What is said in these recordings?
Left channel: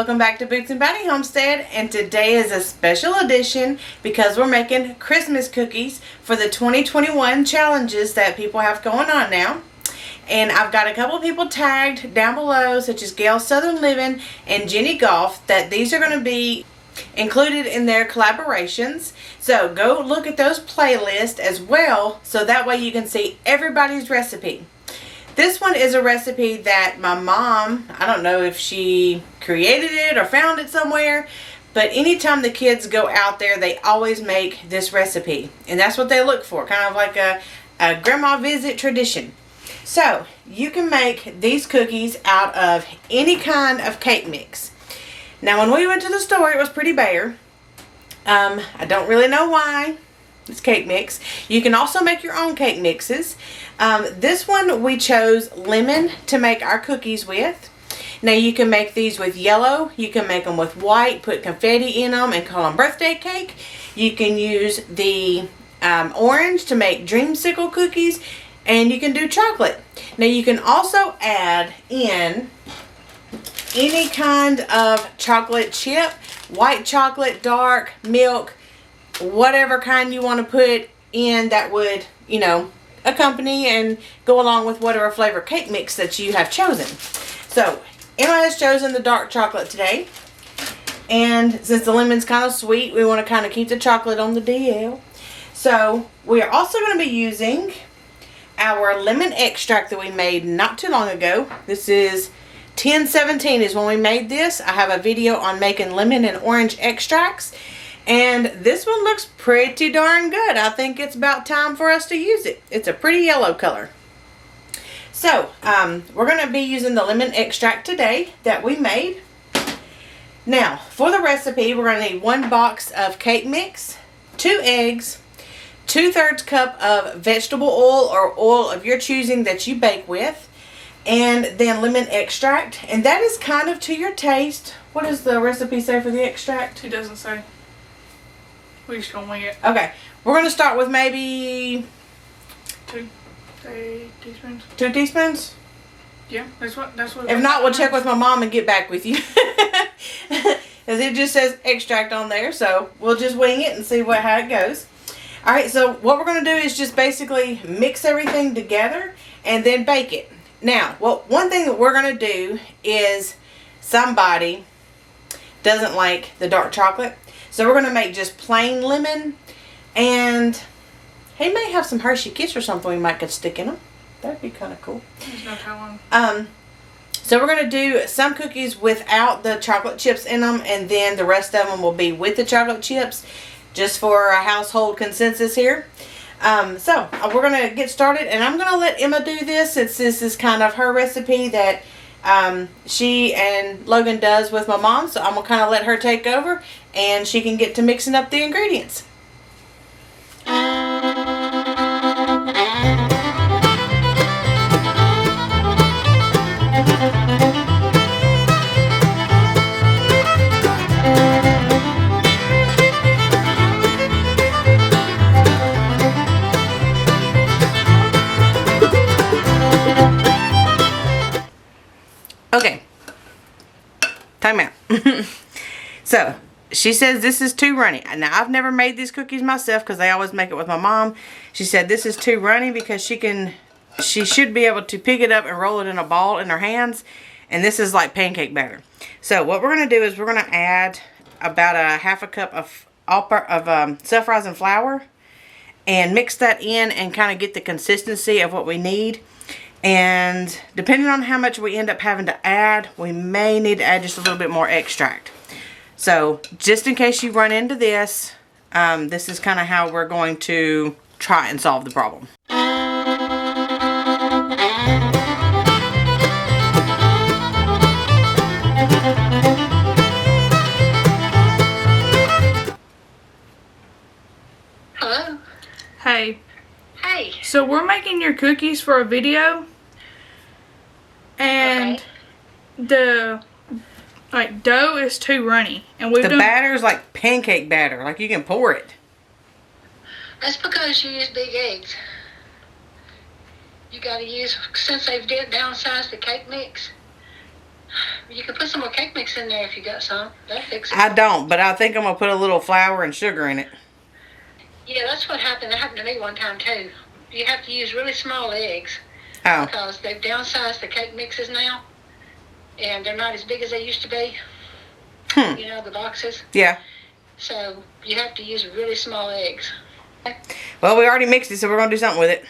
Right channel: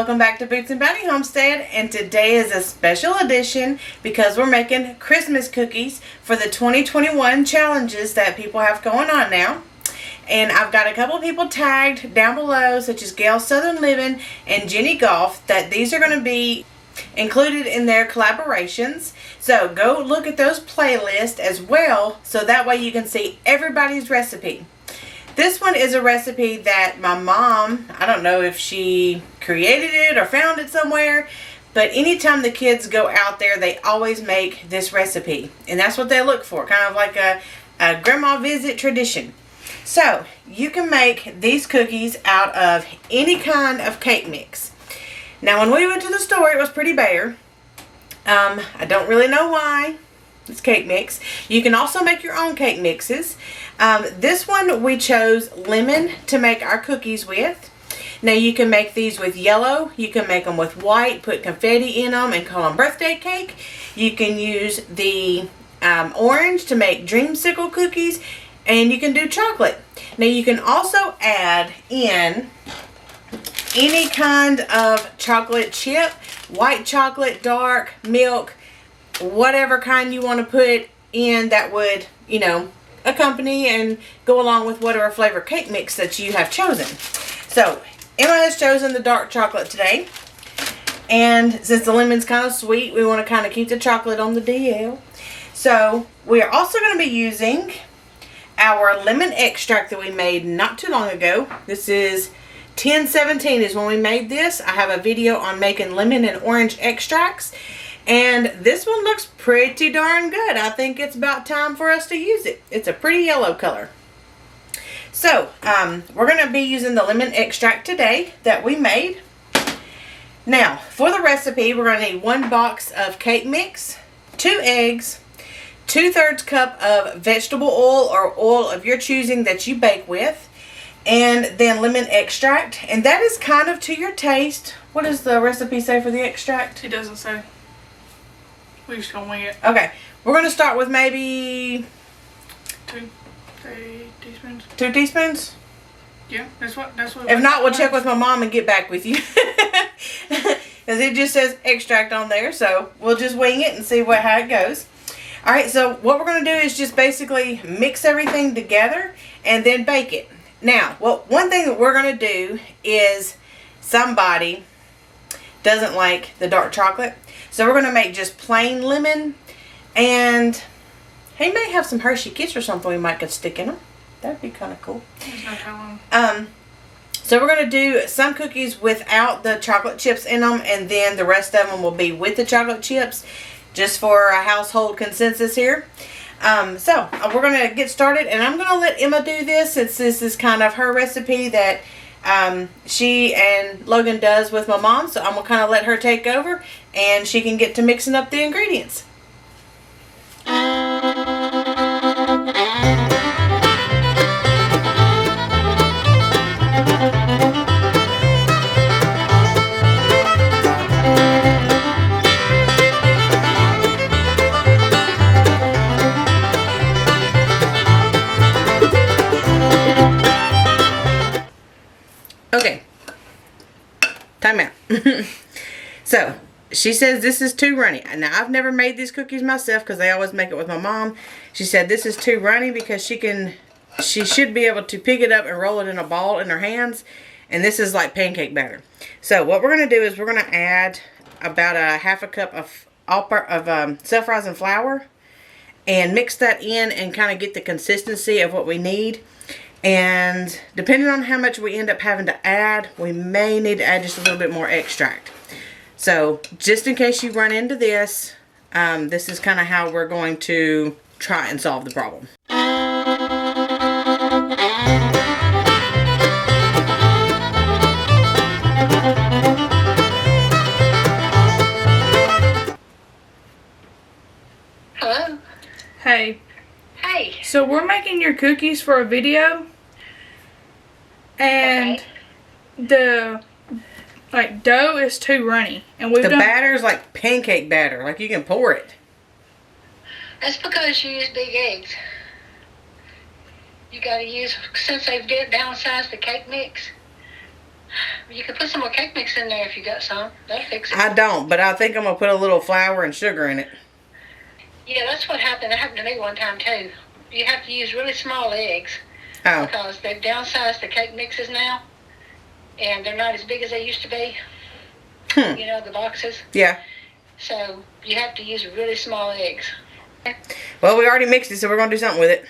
welcome back to Boots and Bounty Homestead, and today is a special edition because we're making Christmas cookies for the 2021 challenges that people have going on now. And I've got a couple of people tagged down below, such as Gail Southern Living and Jenny Golf, that these are going to be included in their collaborations. So go look at those playlists as well, so that way you can see everybody's recipe. This one is a recipe that my mom, I don't know if she created it or found it somewhere, but anytime the kids go out there, they always make this recipe. And that's what they look for, kind of like a grandma visit tradition. So, you can make these cookies out of any kind of cake mix. Now, when we went to the store, it was pretty bare. I don't really know why. It's cake mix. You can also make your own cake mixes. This one we chose lemon to make our cookies with. Now you can make these with yellow. You can make them with white, put confetti in them and call them birthday cake. You can use the orange to make dreamsicle cookies, and you can do chocolate. Now you can also add in any kind of chocolate chip, white chocolate, dark, milk, whatever kind you want to put in that would, you know, accompany and go along with whatever flavor cake mix that you have chosen. So Emma has chosen the dark chocolate today, and since the lemon's kind of sweet, we want to kind of keep the chocolate on the DL. So we are also going to be using our lemon extract that we made not too long ago. This is 10/17 is when we made this. I have a video on making lemon and orange extracts, and this one looks pretty darn good. I think it's about time for us to use it. It's a pretty yellow color. So, we're going to be using the lemon extract today that we made. Now, for the recipe, we're going to need 1 box of cake mix, 2 eggs, 2/3 cup of vegetable oil or oil of your choosing that you bake with, and then lemon extract. And that is kind of to your taste. What does the recipe say for the extract? It doesn't say. We just gonna wing it. Okay, we're gonna start with maybe 2 teaspoons. 2 teaspoons. Yeah, that's what. If not, we'll check with my mom and get back with you. Because it just says extract on there, so we'll just wing it and see how it goes. All right, so what we're gonna do is just basically mix everything together and then bake it. Now, one thing that we're gonna do is somebody doesn't like the dark chocolate. So we're going to make just plain lemon, and he may have some Hershey Kiss or something we might could stick in them. That'd be kind of cool. There's no telling. So we're going to do some cookies without the chocolate chips in them, and then the rest of them will be with the chocolate chips, just for a household consensus here. So we're going to get started, and I'm going to let Emma do this, since this is kind of her recipe that she and Logan does with my mom. So I'm gonna kind of let her take over, and she can get to mixing up the ingredients. Okay, time out. So she says this is too runny. Now, I've never made these cookies myself because I always make it with my mom. She said this is too runny because she should be able to pick it up and roll it in a ball in her hands, and this is like pancake batter. So what we're going to do is we're going to add about a 1/2 cup of self-rising flour and mix that in and kind of get the consistency of what we need. And depending on how much we end up having to add, we may need to add just a little bit more extract. So just in case you run into this, this is kind of how we're going to try and solve the problem. Hello. Hey. Hey. So we're making your cookies for a video, and the dough is too runny, and the batter is like pancake batter, like you can pour it. That's because you use big eggs. You got to use, since they've downsized the cake mix, You could put some more cake mix in there if you got some. That'll fix it. I don't, but I think I'm going to put a little flour and sugar in it. Yeah, that's what happened. That happened to me one time too. You have to use really small eggs Oh, because they've downsized the cake mixes now, and they're not as big as they used to be. You know, the boxes. yeah. So you have to use really small eggs. Well, we already mixed it, so we're going to do something with it.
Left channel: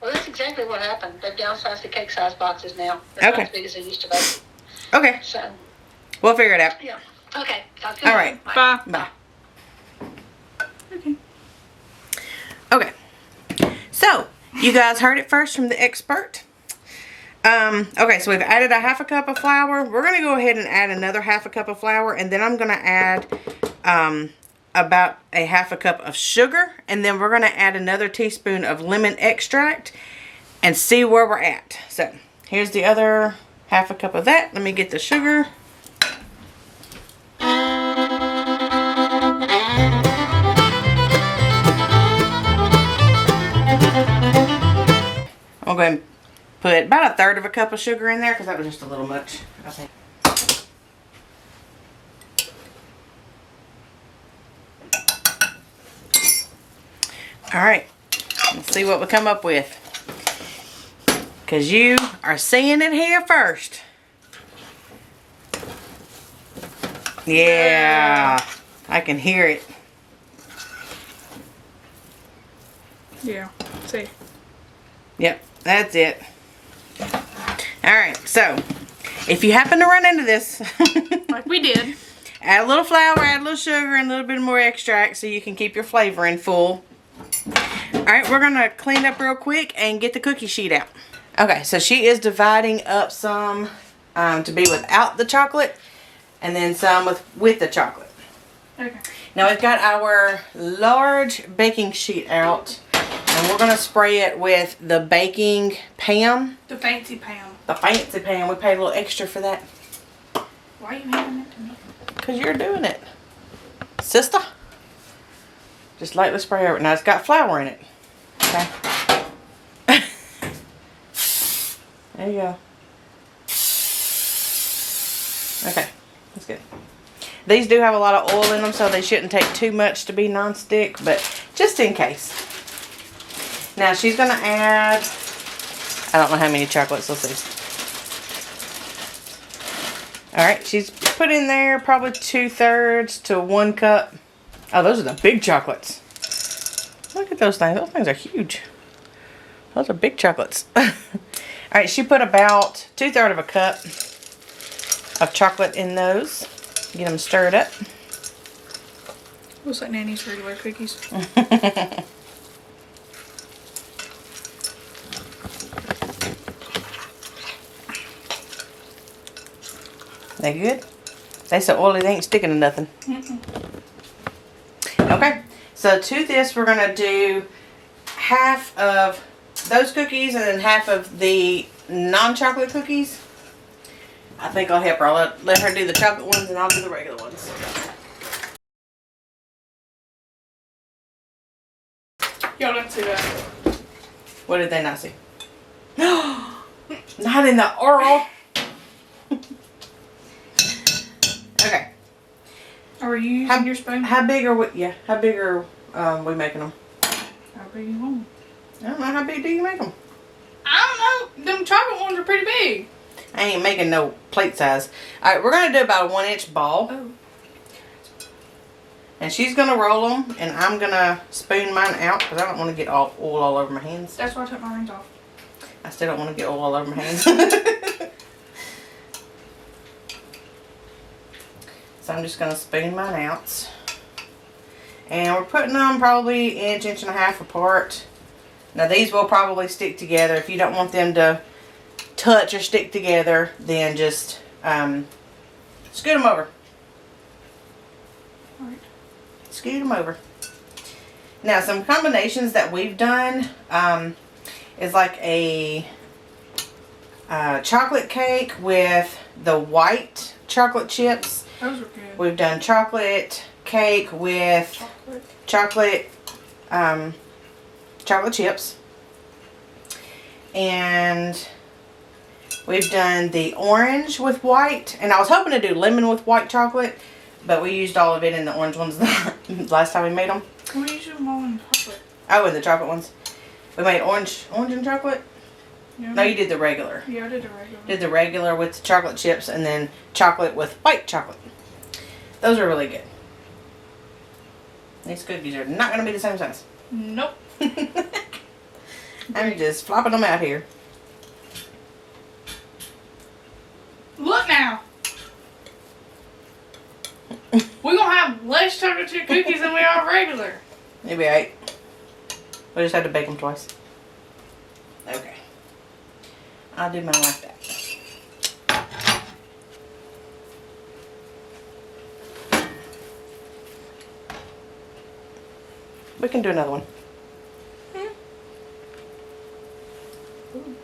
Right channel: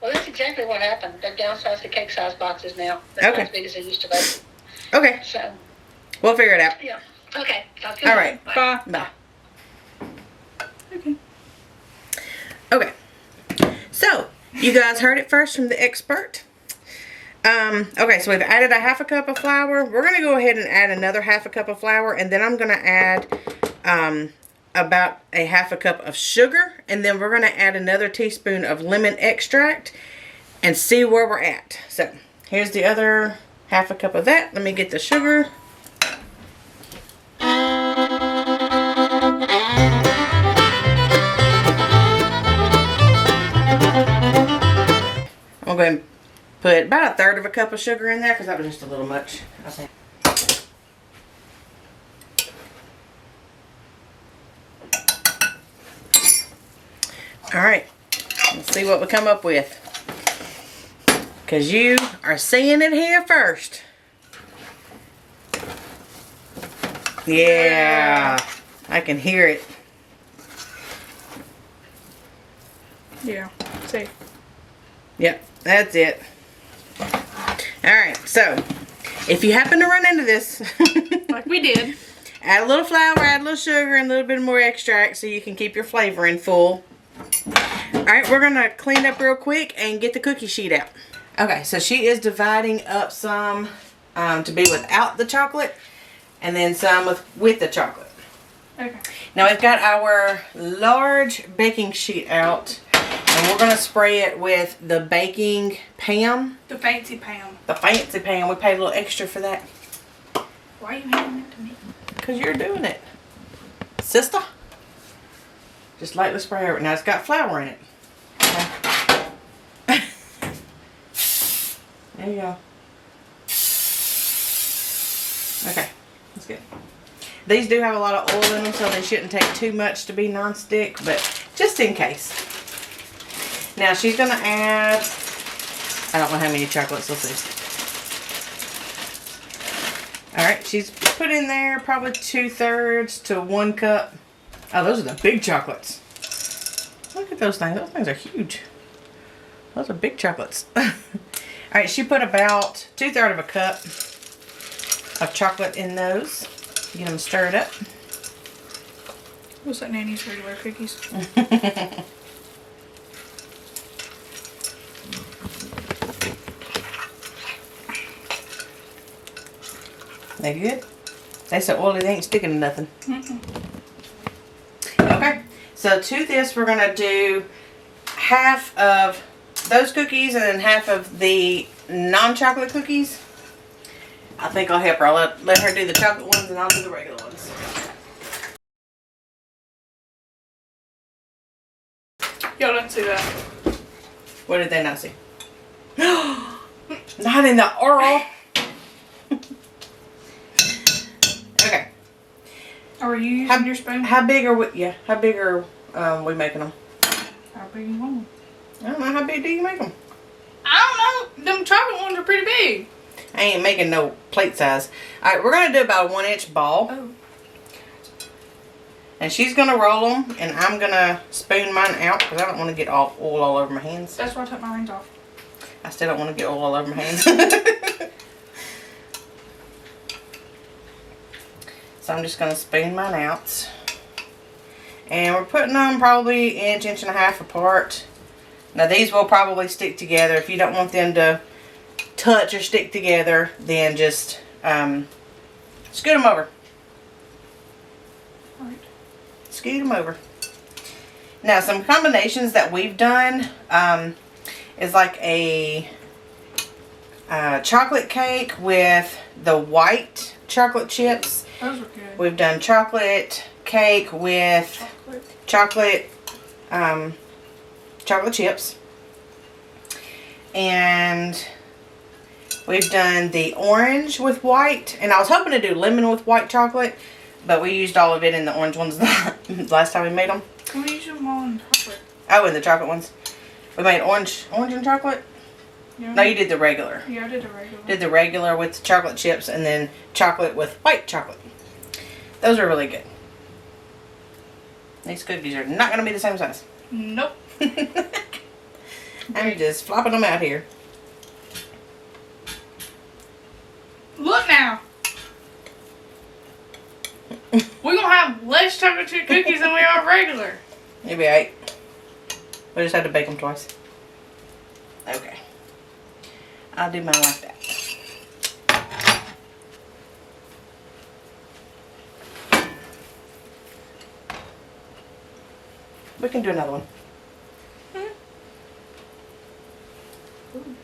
Well, that's exactly what happened. They've downsized the cake size boxes now. They're not Okay. as big as they used to be. Okay, So, we'll figure it out. yeah. Okay. Sounds good. All right. Bye. Bye. Okay. Okay. So, you guys heard it first from the expert. Okay, so we've added a half a cup of flour. We're going to go ahead and add another half a cup of flour, and then I'm going to add about a half a cup of sugar, and then we're going to add another teaspoon of lemon extract and see where we're at. So, here's the other half a cup of that. Let me get the sugar. I'm going to put about a third of a cup of sugar in there because that was just a little much. Okay. All right, let's see what we come up with. Because you are seeing it here first. Yeah, I can hear it. Yeah. See. Yep, that's it. Alright, so if you happen to run into this, Like we did. add a little flour, add a little sugar, and a little bit more extract so you can keep your flavoring full. Alright, we're going to clean up real quick and get the cookie sheet out. Okay, so she is dividing up some to be without the chocolate and then some with the chocolate. Okay. Now we've got our large baking sheet out and we're going to spray it with the baking pan. The fancy Pam. The fancy pan. We paid a little extra for that. Why are you handing it to me? Because you're doing it. Sister. Just lightly spray over it. Now it's got flour in it. Okay. There you go. Okay. That's good. These do have a lot of oil in them, so they shouldn't take too much to be non-stick, but just in case. Now she's going to add, I don't know how many chocolates, let's see. Alright, she's put in there probably 2/3 to 1 cup. Oh, those are the big chocolates. Look at those things. Those things are huge. Those are big chocolates. Alright, she put about 2/3 of a cup of chocolate in those. Get them stirred up. Looks like Nanny's regular cookies. They good? They so oily they ain't sticking to nothing. Okay, so to this we're gonna do half of those cookies and then half of the non-chocolate cookies. I think I'll help her. I'll let her do the chocolate ones and I'll do the regular ones. Y'all didn't see that. What did they not see? Not in the oral. Okay. Are you using your spoon? How big are we? Yeah. How big are we making them? How big you want? I don't know. How big do you make them? I don't know. Them chocolate ones are pretty big. I ain't making no plate size. All right, we're gonna do about a 1-inch ball. Oh. And she's gonna roll them, and I'm gonna spoon mine out because I don't want to get oil all over my hands. That's why I took my rings off. I still don't want to get oil all over my hands. So I'm just gonna spoon mine out. And we're putting them probably inch and a half apart. Now these will probably stick together. If you don't want them to touch or stick together, then just scoot them over. Right. Scoot them over. Now some combinations that we've done is like a chocolate cake with the white chocolate chips. Those were good. We've done chocolate cake with chocolate chips. And We've done the orange with white, and I was hoping to do lemon with white chocolate, but we used all of it in the orange ones last time we made them. We use them all in chocolate. Oh, and the chocolate ones. We made orange and chocolate? Yeah. No, you did the regular. Yeah, I did the regular. Did the regular with the chocolate chips and then chocolate with white chocolate. Those are really good. These cookies are not going to be the same size. Nope. I'm just flopping them out here. Look now. We're going to have less chocolate chip cookies than we are regular. Maybe 8. We just had to bake them twice. Okay. I'll do mine like that. We can do another one. Ooh.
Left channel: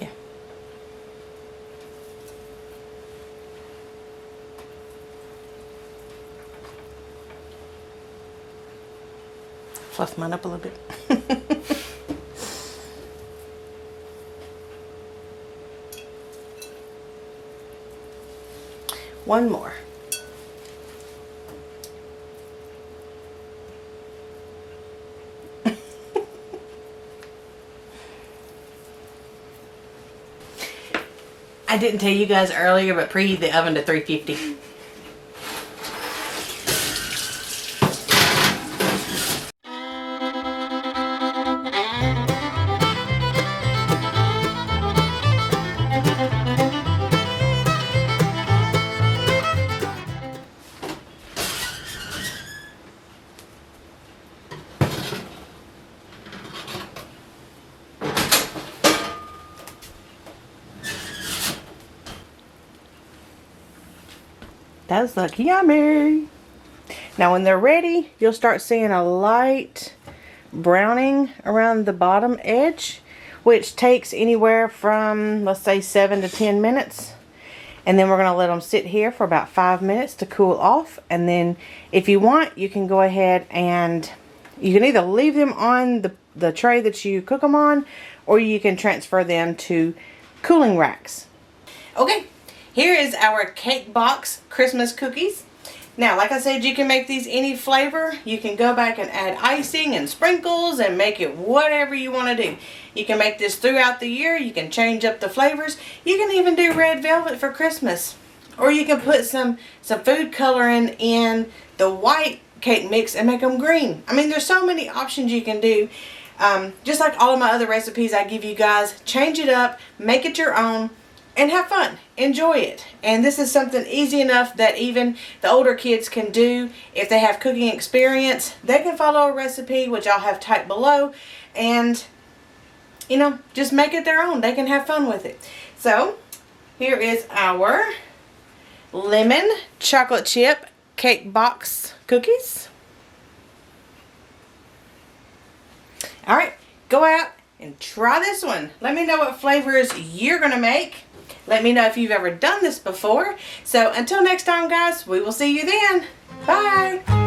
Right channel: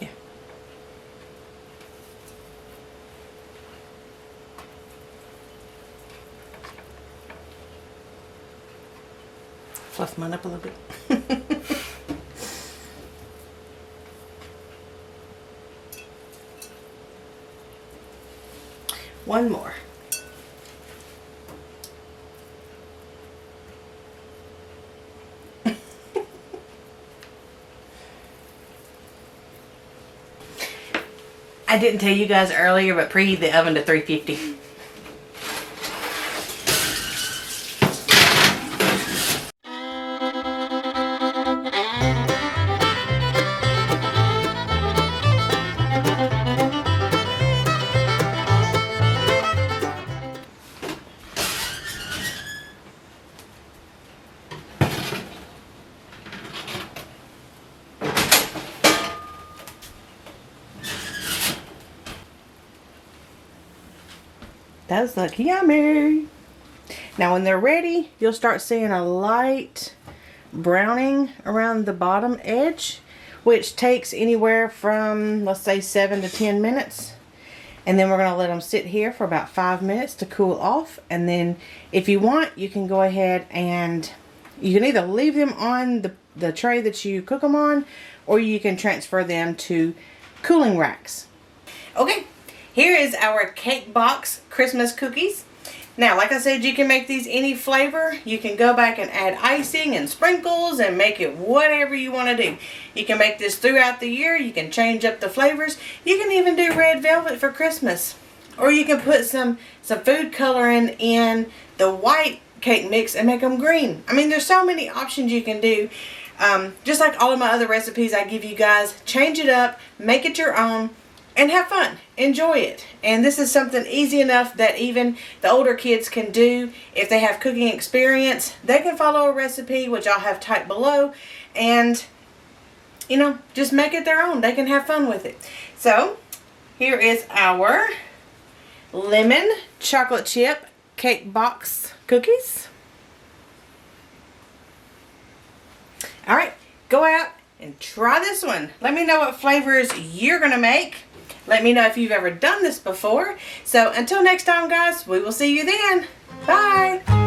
Yeah. Fluff mine up a little bit. One more. I didn't tell you guys earlier, but preheat the oven to 350. Those look yummy. Now when they're ready, you'll start seeing a light browning around the bottom edge, which takes anywhere from, let's say, 7 to 10 minutes. And then we're going to let them sit here for about 5 minutes to cool off. And then if you want, you can go ahead and you can either leave them on the tray that you cook them on, or you can transfer them to cooling racks. Okay. Here is our cake box Christmas cookies. Now, like I said, you can make these any flavor. You can go back and add icing and sprinkles and make it whatever you want to do. You can make this throughout the year. You can change up the flavors. You can even do red velvet for Christmas. Or you can put some food coloring in the white cake mix and make them green. I mean, there's so many options you can do. Just like all of my other recipes I give you guys, change it up, make it your own. And have fun. Enjoy it. And this is something easy enough that even the older kids can do. If they have cooking experience, they can follow a recipe, which I'll have typed below. And, you know, just make it their own. They can have fun with it. So, here is our lemon chocolate chip cake box cookies. Alright, go out and try this one. Let me know what flavors you're going to make. Let me know if you've ever done this before. So until next time, guys, we will see you then. Bye.